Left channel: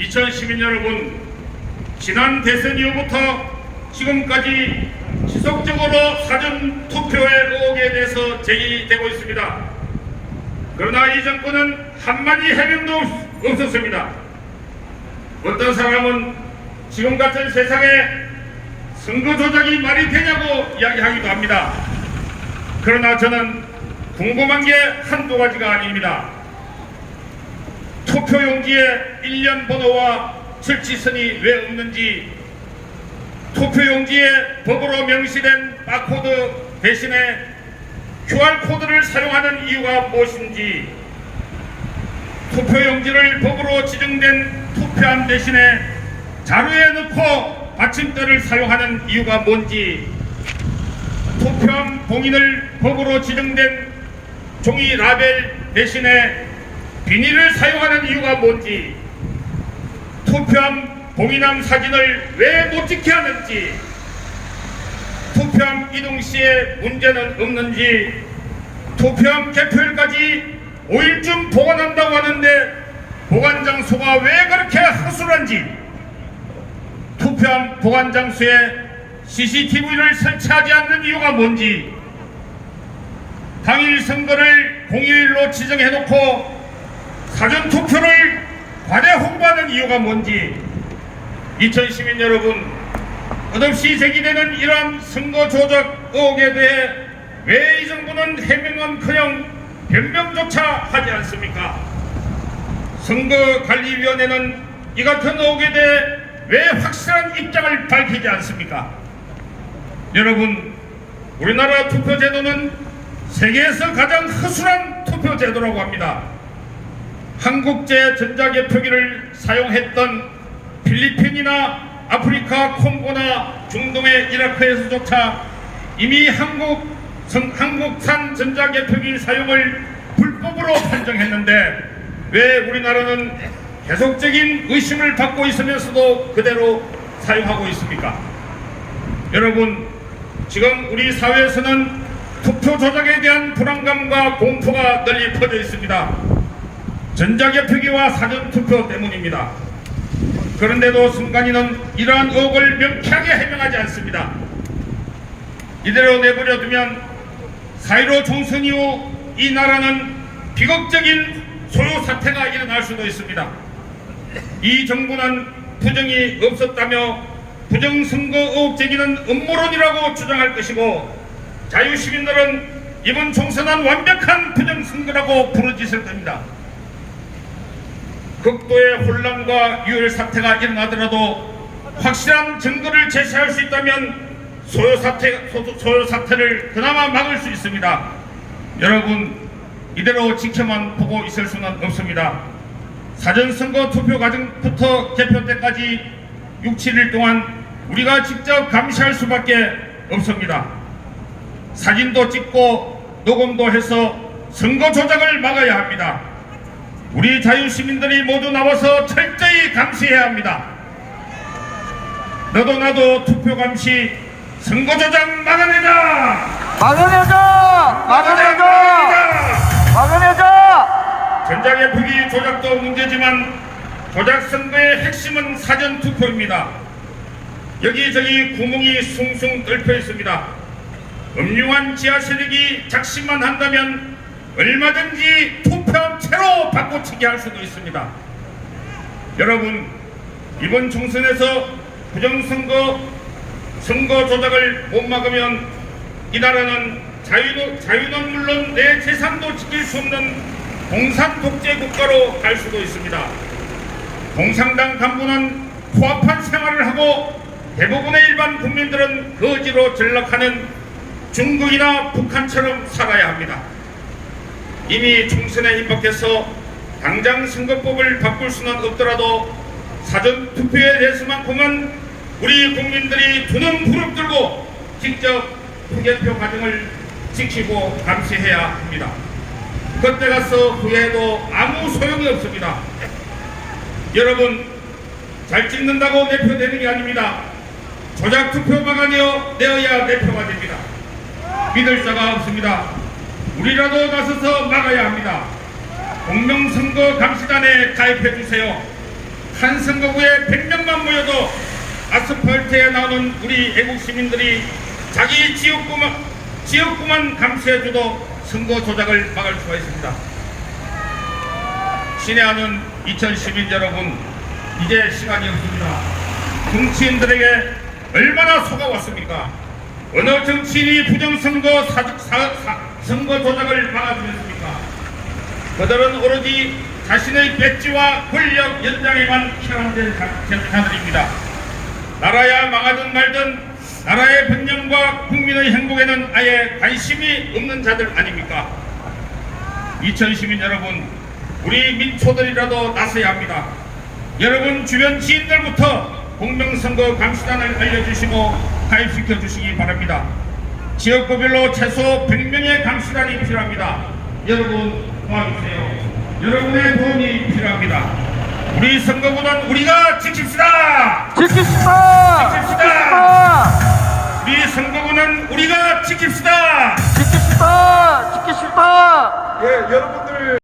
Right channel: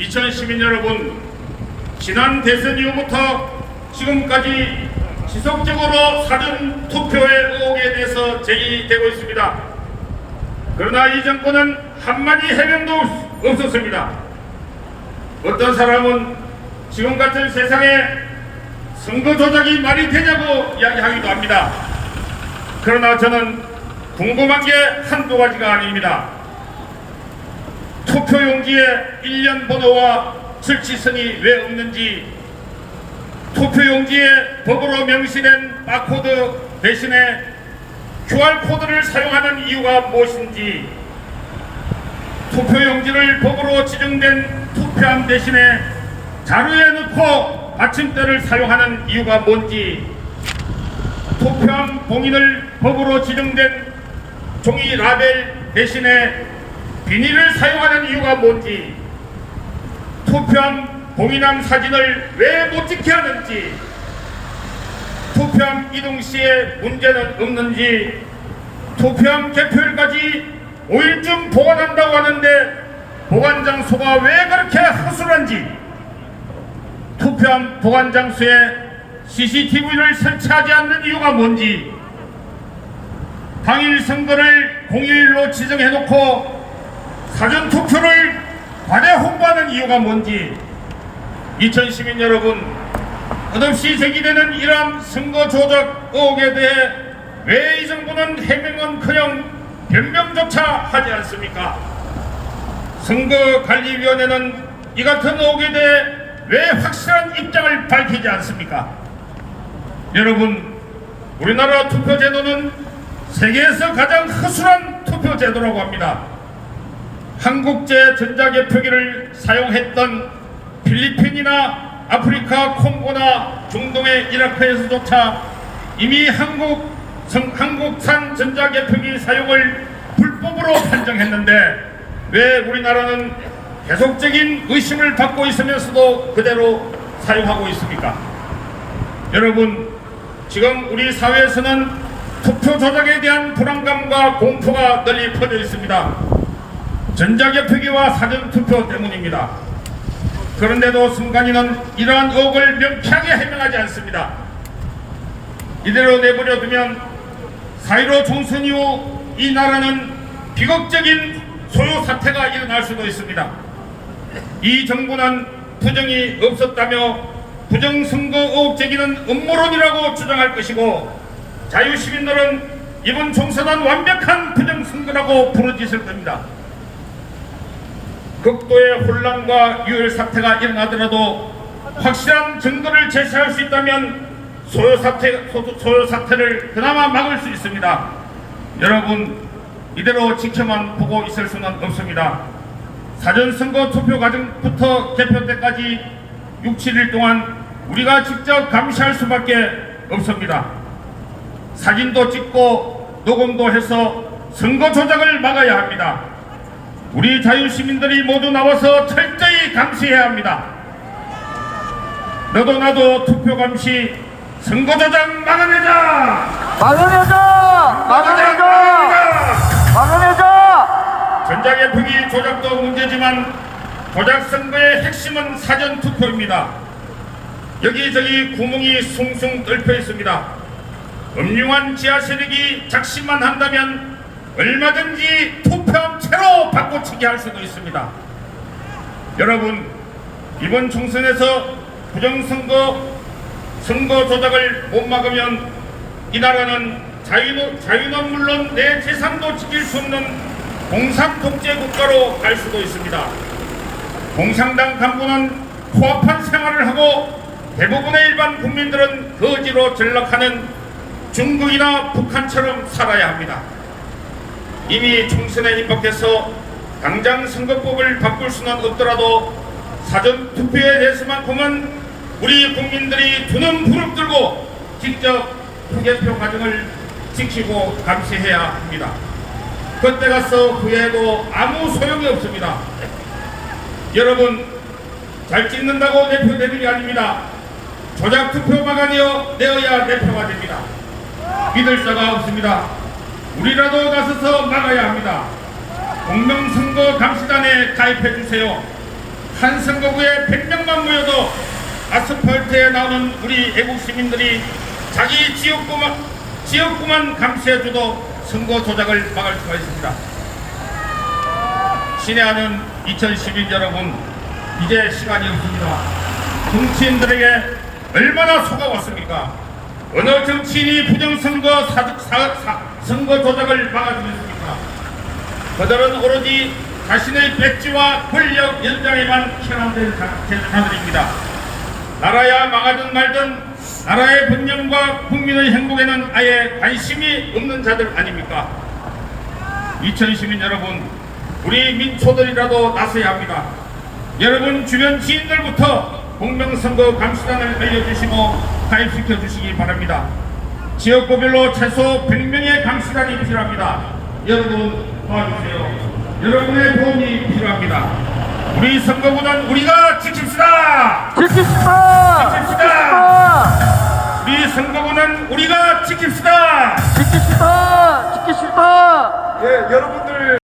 2012년 여러분 지난 대선 이후부터 지금까지 지속적으로 사전 투표의 의혹에 대해서 제기되고 있습니다. 그러나 이 정권은 한마디 해명도 없었습니다. 어떤 사람은 지금 같은 세상에 선거 조작이 말이 되냐고 이야기하기도 합니다. 그러나 저는 궁금한 게 한두 가지가 아닙니다. 투표용지에 일련 번호와 설치선이 왜 없는지 투표용지에 법으로 명시된 바코드 대신에 QR코드를 사용하는 이유가 무엇인지 투표용지를 법으로 지정된 투표함 대신에 자루에 넣고 받침대를 사용하는 이유가 뭔지 투표함 봉인을 법으로 지정된 종이 라벨 대신에 비닐을 사용하는 이유가 뭔지 투표함 봉인함 사진을 왜 못 찍게 하는지 투표함 이동 시에 문제는 없는지 투표함 개표일까지 5일쯤 보관한다고 하는데 보관 장소가 왜 그렇게 허술한지 투표함 보관 장소에 CCTV를 설치하지 않는 이유가 뭔지 당일 선거를 공휴일로 지정해놓고 사전 투표를 과대 홍보하는 이유가 뭔지 2012년 여러분 끝없이 제기되는 이러한 선거 조작 의혹에 대해 왜 이 정부는 해명은커녕 변명조차 하지 않습니까? 선거관리위원회는 이 같은 의혹에 대해 왜 확실한 입장을 밝히지 않습니까? 여러분 우리나라 투표제도는 세계에서 가장 허술한 투표제도라고 합니다. 한국제 전자개 표기를 사용했던 필리핀이나 아프리카 콩고나 중동의 이라크에서조차 이미 한국 성- 한국산 전자개 표기 사용을 불법으로 판정했는데 왜 우리나라는 계속적인 의심을 받고 있으면서도 그대로 사용하고 있습니까? 여러분 지금 우리 사회에서는 투표 조작에 대한 불안감과 공포가 널리 퍼져 있습니다. 전자개 표기와 사전 투표 때문입니다. 그런데도 순간이는 이러한 의혹을 명쾌하게 해명하지 않습니다. 이대로 내버려 두면 4.15 총선 이후 이 나라는 비극적인 소요 사태가 일어날 수도 있습니다. 이 정부는 부정이 없었다며 부정선거 의혹 제기는 음모론이라고 주장할 것이고 자유시민들은 이번 총선은 완벽한 부정선거라고 부르짖을 겁니다. 극도의 혼란과 유혈 사태가 일어나더라도 확실한 증거를 제시할 수 있다면 소요 사태 소- 소요 사태를 그나마 막을 수 있습니다. 여러분 이대로 지켜만 보고 있을 수는 없습니다. 사전 선거 투표 과정부터 개표 때까지 6, 7일 동안 우리가 직접 감시할 수밖에 없습니다. 사진도 찍고 녹음도 해서 선거 조작을 막아야 합니다. 우리 자유시민들이 모두 나와서 철저히 감시해야 합니다. 너도 나도 투표 감시 선거 조작 막아내자! 막아내자! 막아내자! 막아내자! 막아내자! 전자개표기 조작도 문제지만 조작 선거의 핵심은 사전 투표입니다. 여기저기 구멍이 숭숭 뚫혀 있습니다. 음흉한 지하 세력이 작심만 한다면 얼마든지 투표 함체로 바꿔치기 할 수도 있습니다. 여러분 이번 총선에서 부정선거 선거 조작을 못 막으면 이 나라는 자유도, 자유는 물론 내 재산도 지킬 수 없는 공산 독재 국가로 갈 수도 있습니다. 공산당 간부는 코앞한 생활을 하고 대부분의 일반 국민들은 거지로 전락하는 중국이나 북한처럼 살아야 합니다. 이미 총선에 입학해서 당장 선거법을 바꿀 수는 없더라도 사전 투표에 대해서만큼은 우리 국민들이 두 눈 부릅뜨고 직접 투개표 과정을 지키고 감시해야 합니다. 그때 가서 후회해도 아무 소용이 없습니다. 여러분 잘 찍는다고 대표되는 게 아닙니다. 조작 투표 막아내어 내어야 대표가 됩니다. 믿을 자가 없습니다. 우리라도 나서서 막아야 합니다. 공명선거 감시단에 가입해 주세요. 한 선거구에 100명만 모여도 아스팔트에 나오는 우리 애국 시민들이 자기 지역구만, 지역구만 감시해줘도 선거 조작을 막을 수가 있습니다. 신의하는 2012 여러분, 이제 시간이 없습니다. 정치인들에게 얼마나 속아왔습니까? 어느 정치인이 부정선거 사, 사, 사, 선거 조작을 막아주겠습니까? 그들은 오로지 자신의 백지와 권력 연장에만 현황된 자들입니다. 나라야 망하든 말든 나라의 번영과 국민의 행복에는 아예 관심이 없는 자들 아닙니까? 2012 여러분, 우리 민초들이라도 나서야 합니다. 여러분 주변 지인들부터 공명선거 감시단을 알려주시고 가입시켜 주시기 바랍니다. 지역구별로 최소 100명의 감시단이 필요합니다. 여러분 도와주세요. 여러분의 도움이 필요합니다. 우리 선거구는 우리가 지킵시다. 지킵시다! 지킵시다. 우리 선거구는 우리가 지킵시다. 지킵시다! 지킵시다! 예, 여러분들